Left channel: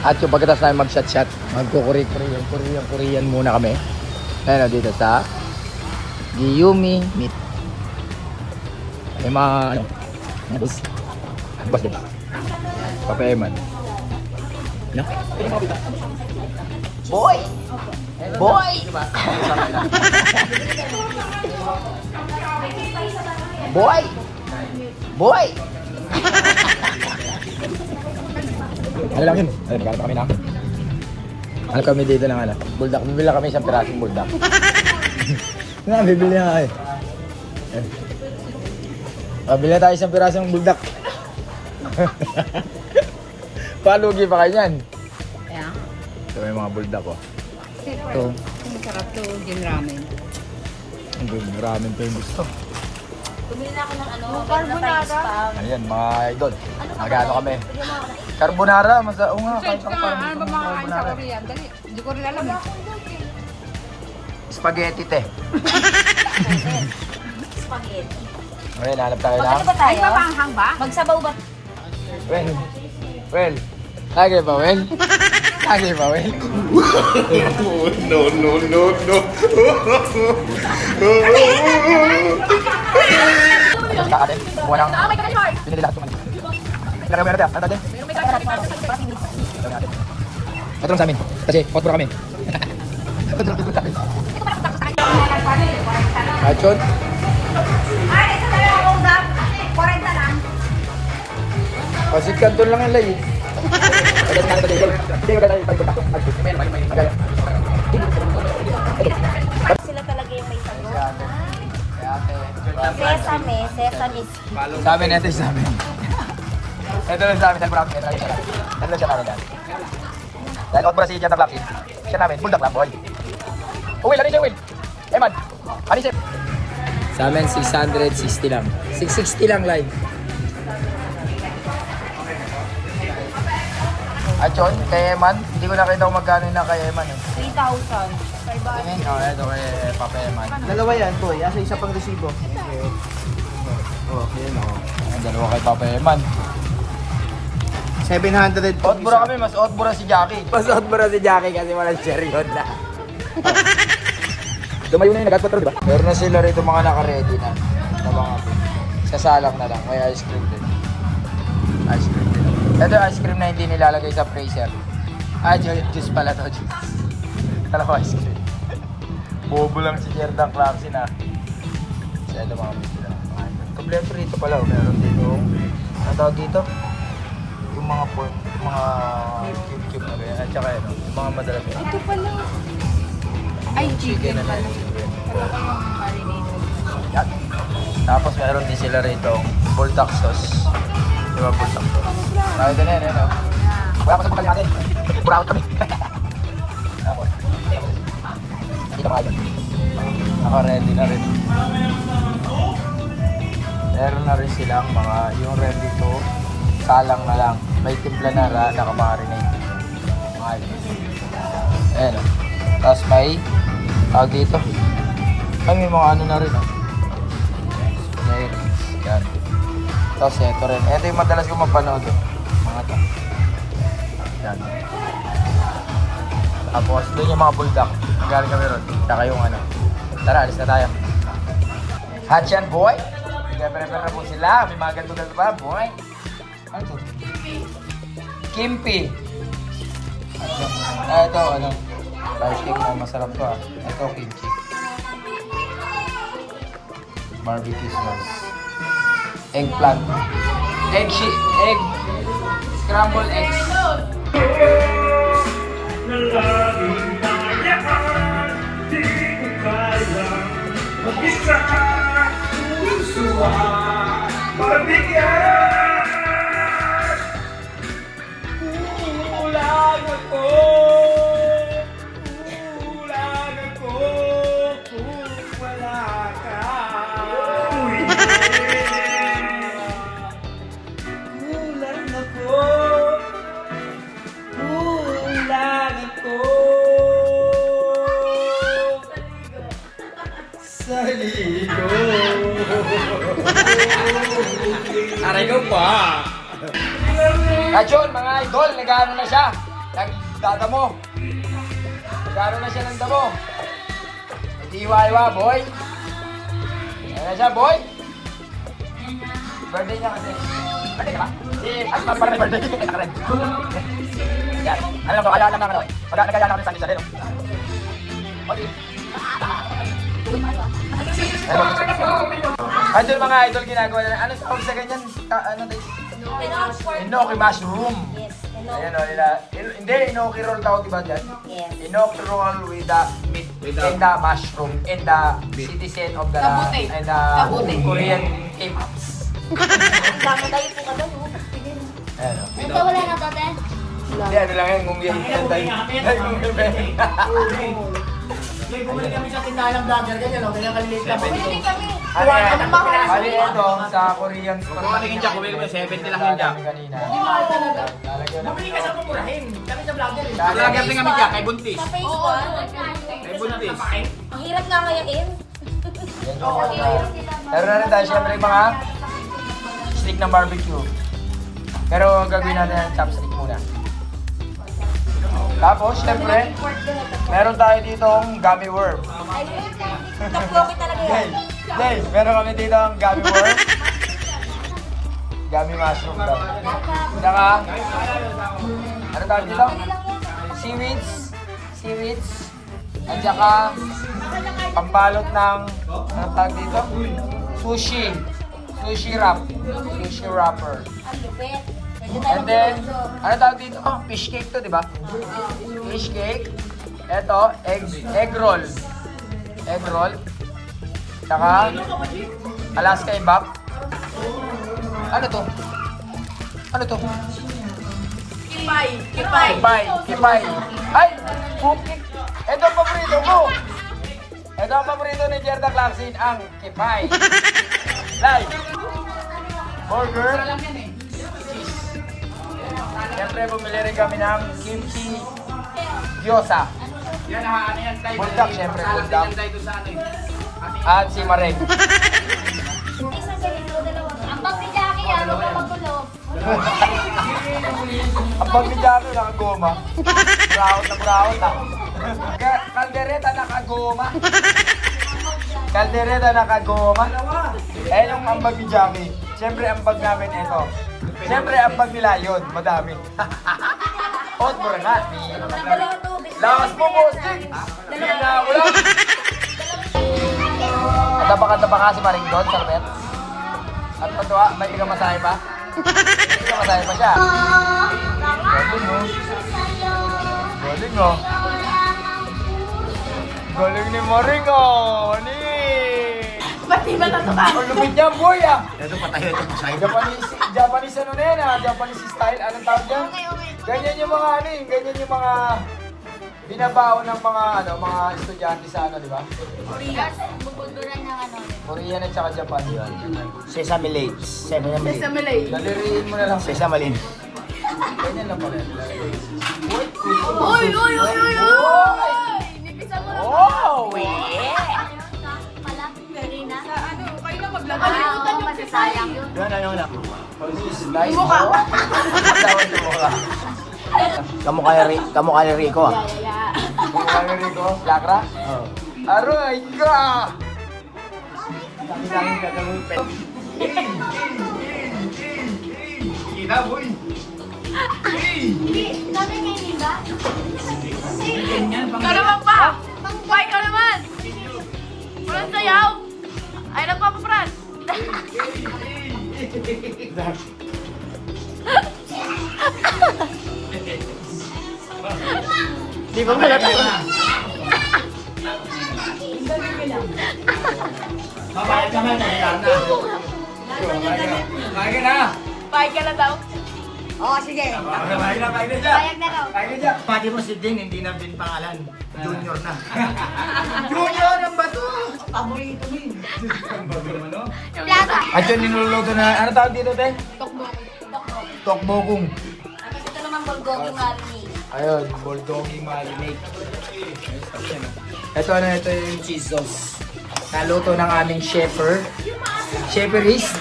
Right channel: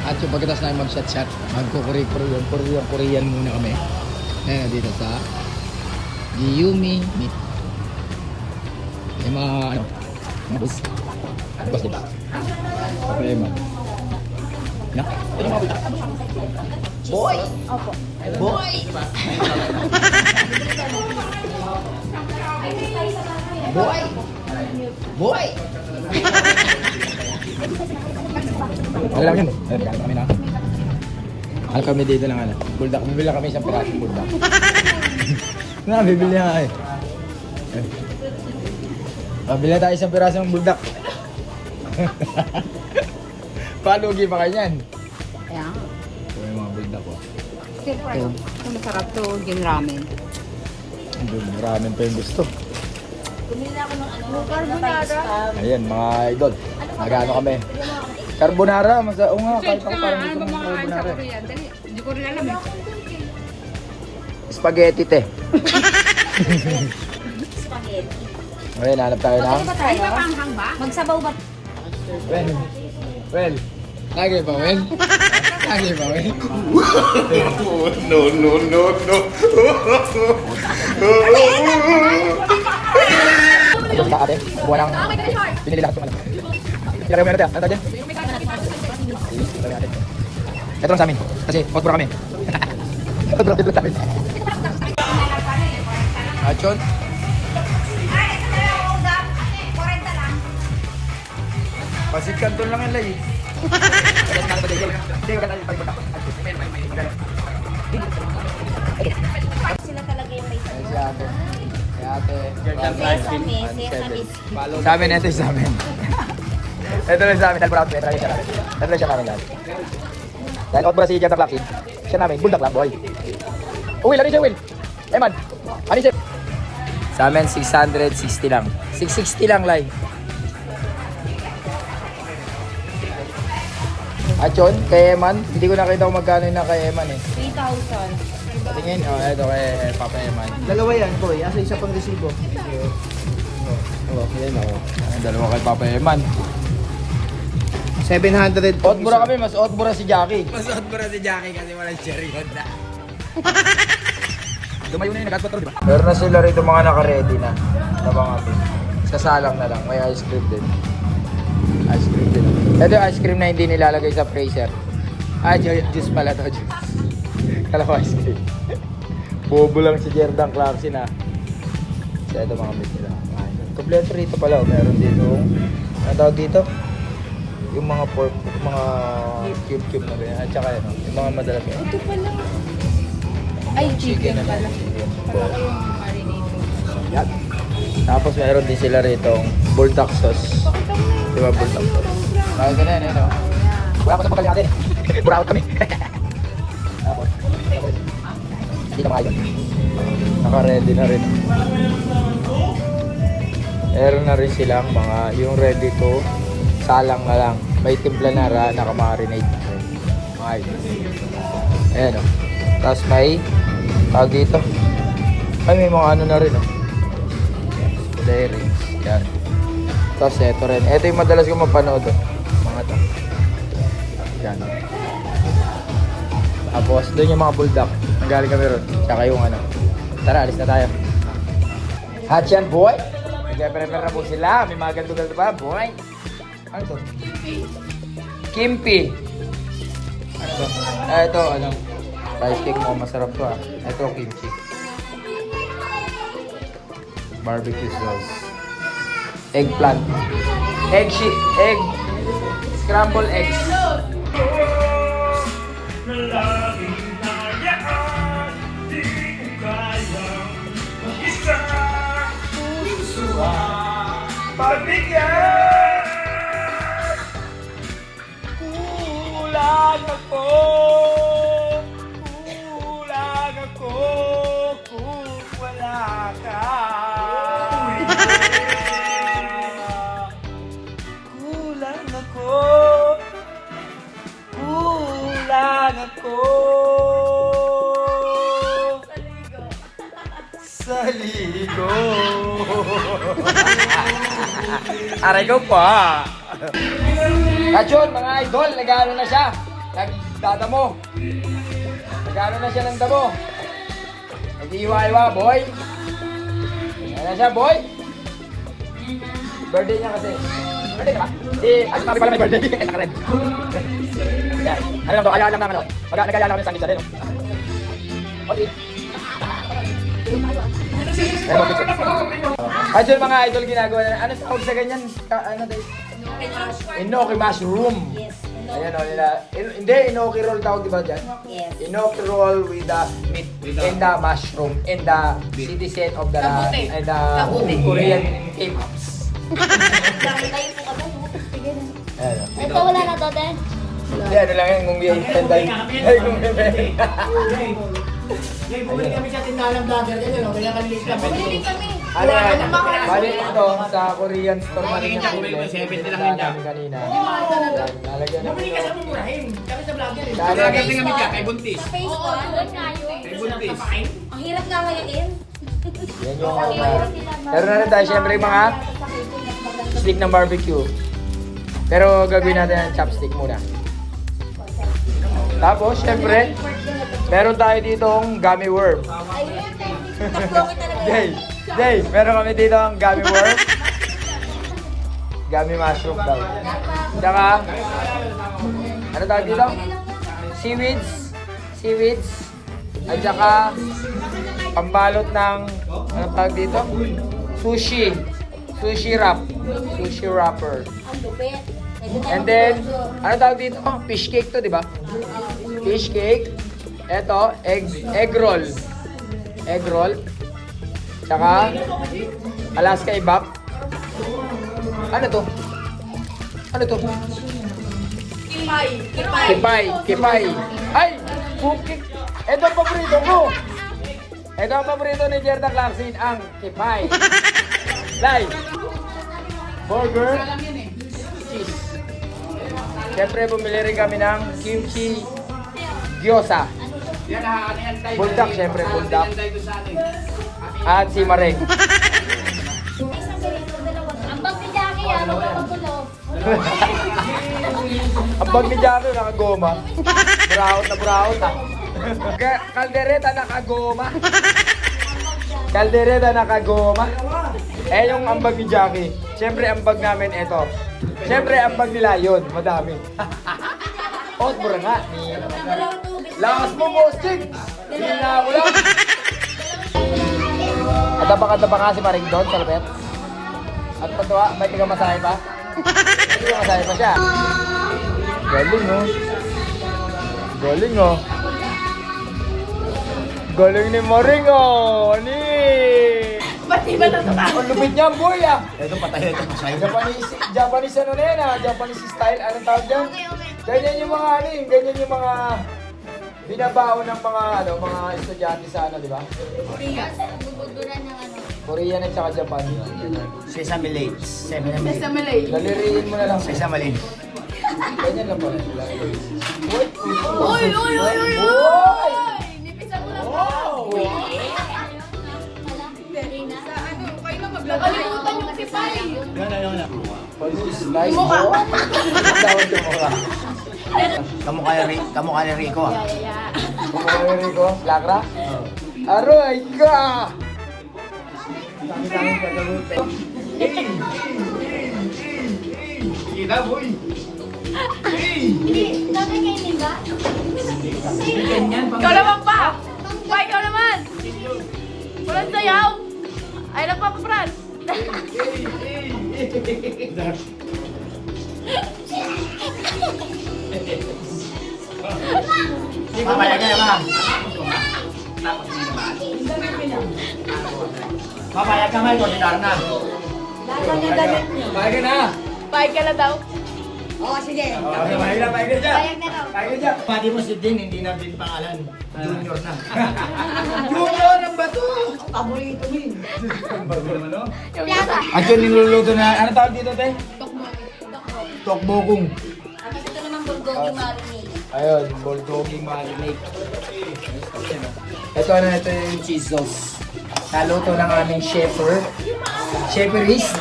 At yung pagkatapos namin mag-shot-shot, mag-Korean muna kami. Ayun o, dito sa Giyumi Meat. Yung mga, ano, mga boss. Boss, diba? Papayaman. Yan. Boy! Boy! Boy! Boy! Ano lang yun? Ay, bakit kami na? Ano kami dito lang, ano? Buldak. Bibili lang kami isang pirasong buldak. Nga, bibili nga eh. Bibili tayo isang pirasong buldak. Palugi pa kayo yan. Yeah. Ito may mga buldak ko. Ito. Masarap to, gin ramen. Maraming pa yung gusto. Bumili na ako ng ano, carbonara. Ayan, mga idol. Magano kami. Carbonara, oo nga. Change ka nga, ano ba mga kain sa Korea? Dali, hindi ko rin alam eh. Spaghetti, te. Spaghetti. Ngayon, hanap tayo na. Ano ba tayo? Ay, mapanghang ba? Magsabaw ba? Well. Lagi ba, Well? Lagi ba, Well? No. Pinili lahat. Sila kayo meron tayo. Ano tayo dyan? Ito lang sa amin. Kasi hot bro kami. Hot bro dito sa amin. Hotshot? Kasi kanton lang ang layo. Sila talaga yung nagsagot. Sesame. Sa amin, ito yung sa amin. Ito lang sa amin, nag-round. Ito lang siya kanina. Dahil hot bro si Jetta Clarkson. Siya namin, buldak lang, boy. Uwi, ano siya, Will? Eman, ano siya? Sa amin, 660 lang. 660 lang live. Achon, kay Eman, hindi ko nakita kung magkano na kay Eman eh. 3,000. Tingin, ito kay Papa Eman. Dalawa yan, boy. Asa isa pang resibo. Yan o. Dalawa kay Papa Eman. 700 po Hot bro isa. kami, mas hot bro si Jackie. Mas hot bro si Jackie kasi walang cherry hot na. Dumayo na yung nag-adpot diba? Meron na sila rito mga naka-ready na. Na mga sasalang na lang. May ice cream din. Ice cream din. Ito yung ice cream na hindi nilalagay sa freezer. Juice pala to, juice. Kala ko ice cream. Bobo lang si Jendang Clarkson ha. So ito mga kompleto rito pala. Meron dito. Ang tawag dito? Yung mga pork, yung mga cube-cube. At saka yung mga madalas. Ito pala. Ay, chicken pala. Wala ko yung marinated. Tapos meron din sila rito, bulldog sauce. Diba bulldog? Wala ko sa mga natin. Buraot kami. Ready na rin. Meron na rin silang mga, yung ready ko, salang na lang. May timpla na ra, nakamarinate. Ayan. Tapos may, dito. Ay, may mga ano na rin. Yan. Tapos ito rin. Ito yung madalas kong mapanood. Mga to. Yan. Tapos doon yung mga bulldog. Galing kami ron. Saka yung ano. Tara, alis na tayo. Hachan boy! Nagpapalapal na po sila. May mga ganto-ganto pa. Boy! Ano to? Kimpi! Ito, ano? I think masarap to. Ito, kimchi. Barbecue sauce. Eggplant. Egg scrambled eggs. Saligo. Aray ko pa. Kachon, mga idol, nagano na siya. Nagdadamo. Nagdadamo na siya ng damo. Nag-iwa-iwa, boy. Ano siya, boy? Birthday niya kasi. Birthday ka? Ano ba kami birthday? Ano ba kaya naman? Magkakagaya namin sa isa din. Okay. Ano yung mga idol ginagawa na? Ano tawag sa ganyan? Ano this? Inoki mushroom. Yes, hello. Ayan o nila. Hindi, inoki roll tawag diba dyan? Yes. Inoki roll with the meat. And the mushroom. And the citizen of the Kabuti. And the Kabuti. Korean K-Pops. Dami tayo po ka doon. Sige na. Ito wala na to, te. Hindi, ano lang yan. Kung yan. May bumili kami sa tindahan ng vlogger ganyan, no? Kaya kaliliit lang. Bumili kami. Ano Kuha ka ng mga Ano ito? Sa Korean store. Kung ano yung jack, bumili ko 70 lang yung jack. Kanina. mahal talaga. Bumili ka sa pumurahin. Kami sa vlogger eh. Sa vlogger din kami dyan, kay Buntis. Sa Facebook. May buntis. Ang hirap nga ngayon. Oo, mahirap. Pero na rin dahil syempre yung mga stick ng barbecue. Pero gagawin natin ang chopstick muna. Tapos syempre, meron tayo dito ang gummy worm. Ayun, takloki talaga yan. Dave, meron kami dito ang gummy worm. Gummy mushroom daw. Saka, ano tawag dito? Seaweeds. At saka, ang balot ng, ano tawag dito? Sushi wrapper. Ang lupit. And then, ano tawag dito? Fish cake to, di ba? Fish cake. Ito, egg roll. Egg roll. Tsaka, Alaska ibak. Ano to? Ano to? Kipay. Ay! Ito ang paborito ko. Ito ang paborito ni Jerta Clarkson, ang kipay. Live. Burger. Siyempre, bumili rin kami ng kimchi gyoza. Yan, nakakalian tayo. Buldak, syempre. Salang din yan tayo sa amin. At si Marek. Isang ganito, dalawa. Ang pagpidaki yan, magpapagulog. Ang pagbidyado, nakagoma. Kaldereta nakagoma. Kaldereta nakagoma. Eh, yung ambag ni Jamie. Siyempre, ambag namin ito. Siyempre, ambag nila yun. Madami. Hot mo na. Dalawa tubig. Lawas mo po, Jig. Dalawa. Ada pa kasi Marek doon. Ano pa to? May ikaw masahe pa? Masahe pa siya. Galing no? Galing ni Marek oh. Ba't di ba natuka? Ang lupit niya, boy ah. Ito patay ito. Japanese ano na yan ah. Japanese style. Anong tawag dyan? Ganyan yung mga ano eh. Ganyan yung mga binabaon ng mga estudyante sa ano, di ba? Bubulburan ng ano. Korean at saka Japan. Sesame Lays. Sesame Lane. Naliriin mo na lang. Sesame Lays. Ganyan lang po. Uy! Nipisan mo lang. Oh, yeah! Pala, Darina. Sa ano, kayo lang mag-vlog. Kalimutan yung kisay. Yan, ayaw na. Yung mukha. Kamukha ni Rico ah. Yeah. Naliriin ko. Lakra? Aroy! Ka! Dami namin gagawin pa. Kita boy. Dami kayo nila? Ikaw naman pa! Buhay ka naman! Walang sayaw! Ay, nagpapapran! Di ba mamaya ka naman? Mamaya ka naman. Lahat yung damit niyo. Bagay na! Buhay ka na daw. Oo, sige. Bagay na dyan! Ayan na raw. Bagay dyan! Pati mo si Din, hindi na din pangalan. Junior na. Junior ang bato! Paborito mo yun. Ano? Plaza. At yung niluluto na, ano tawag dito, te? Tokbok. Tokbokung. Tapos ito naman bulgogi marinade. Ayun, bulgogi marinade. Ito yung cheese sauce. Naluto ng aming shepherd. Shepherdist?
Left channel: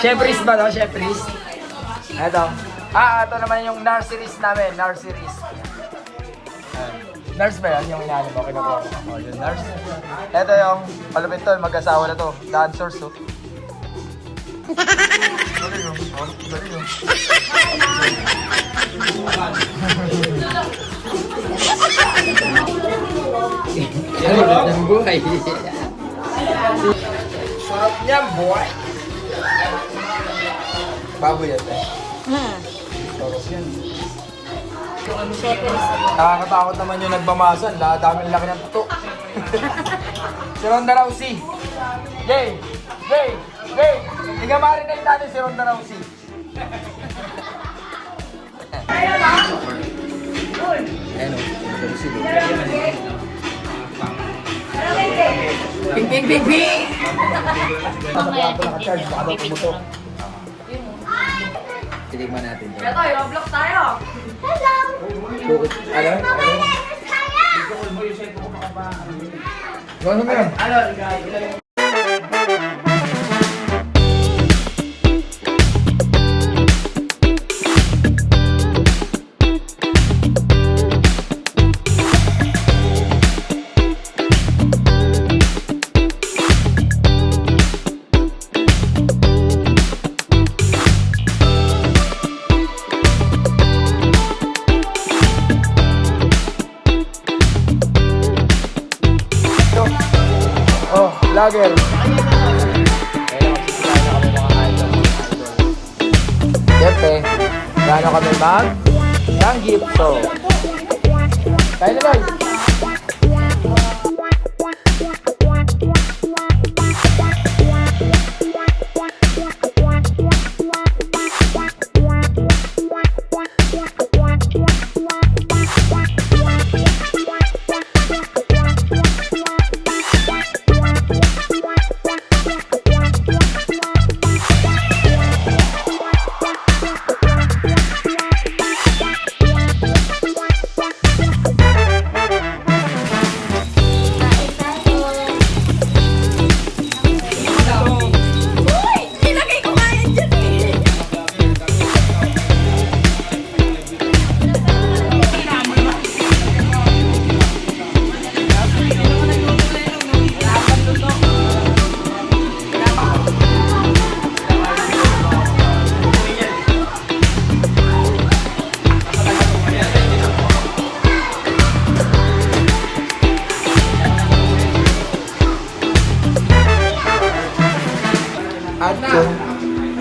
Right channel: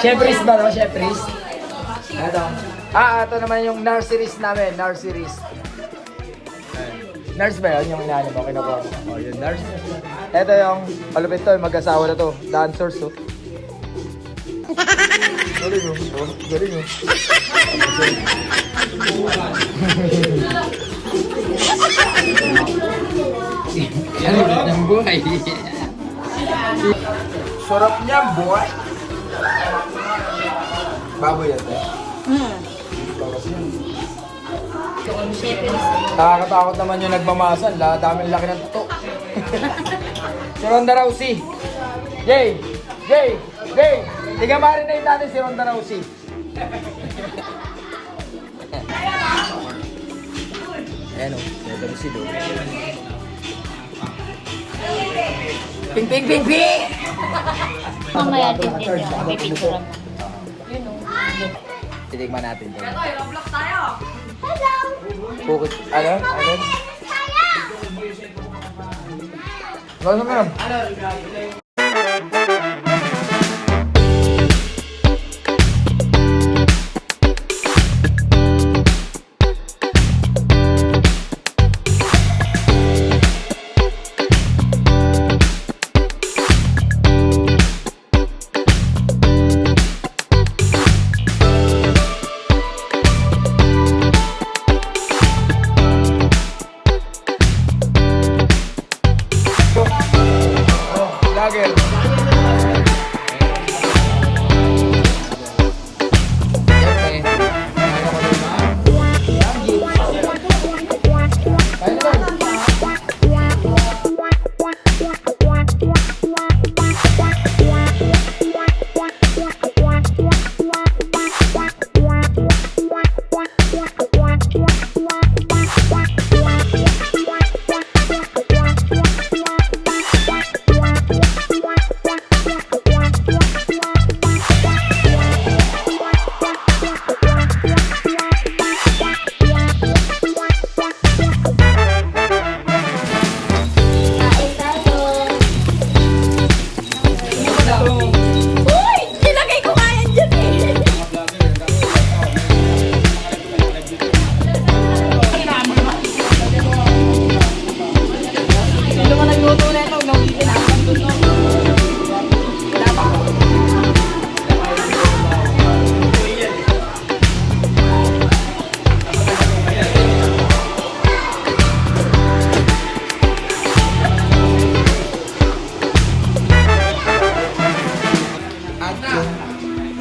Shepherdist ba ito? Shepherdist? Ito. Ito naman yung NAR series namin, NAR series. NARS ba yan? Yung NARS. Ito yung malupit to, mag-asawa na to. Dancers to. Ano ng buhay? Sarap niya, boy! Baboy yan, eh. Tapos yun. Nakakatakot naman yung nagmamasan. Dami lang ng tuko. Si Ronda Rousey. Yay! Yay! Yay! Ikaw maaaring tayo natin si Ronda Rousey. Ayan o. Ronda Rousey doon. Ping ping ping ping! Sa kwarto naka-charge. Baka daw pumutok. Titigman natin doon. Ito, i-block tayo. Bukit, ano? Ano mo yan? Vlogger. Siyempre, gano'n kami ng gipso. Kaya naman.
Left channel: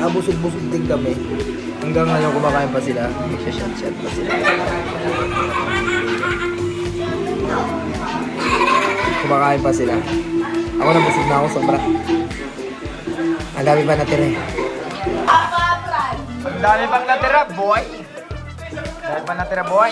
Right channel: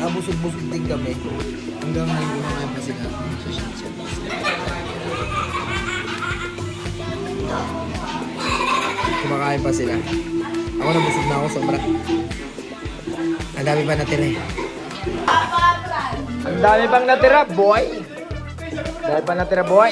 Nabusog-busog din kami. Hanggang ngayon kumakain pa sila. Shot pa sila. Kumakain pa sila. Ako nabusog na ako sobra. Ang dami pa natira eh. Ang dami pang natira, boy! Ang dami pa natira, boy!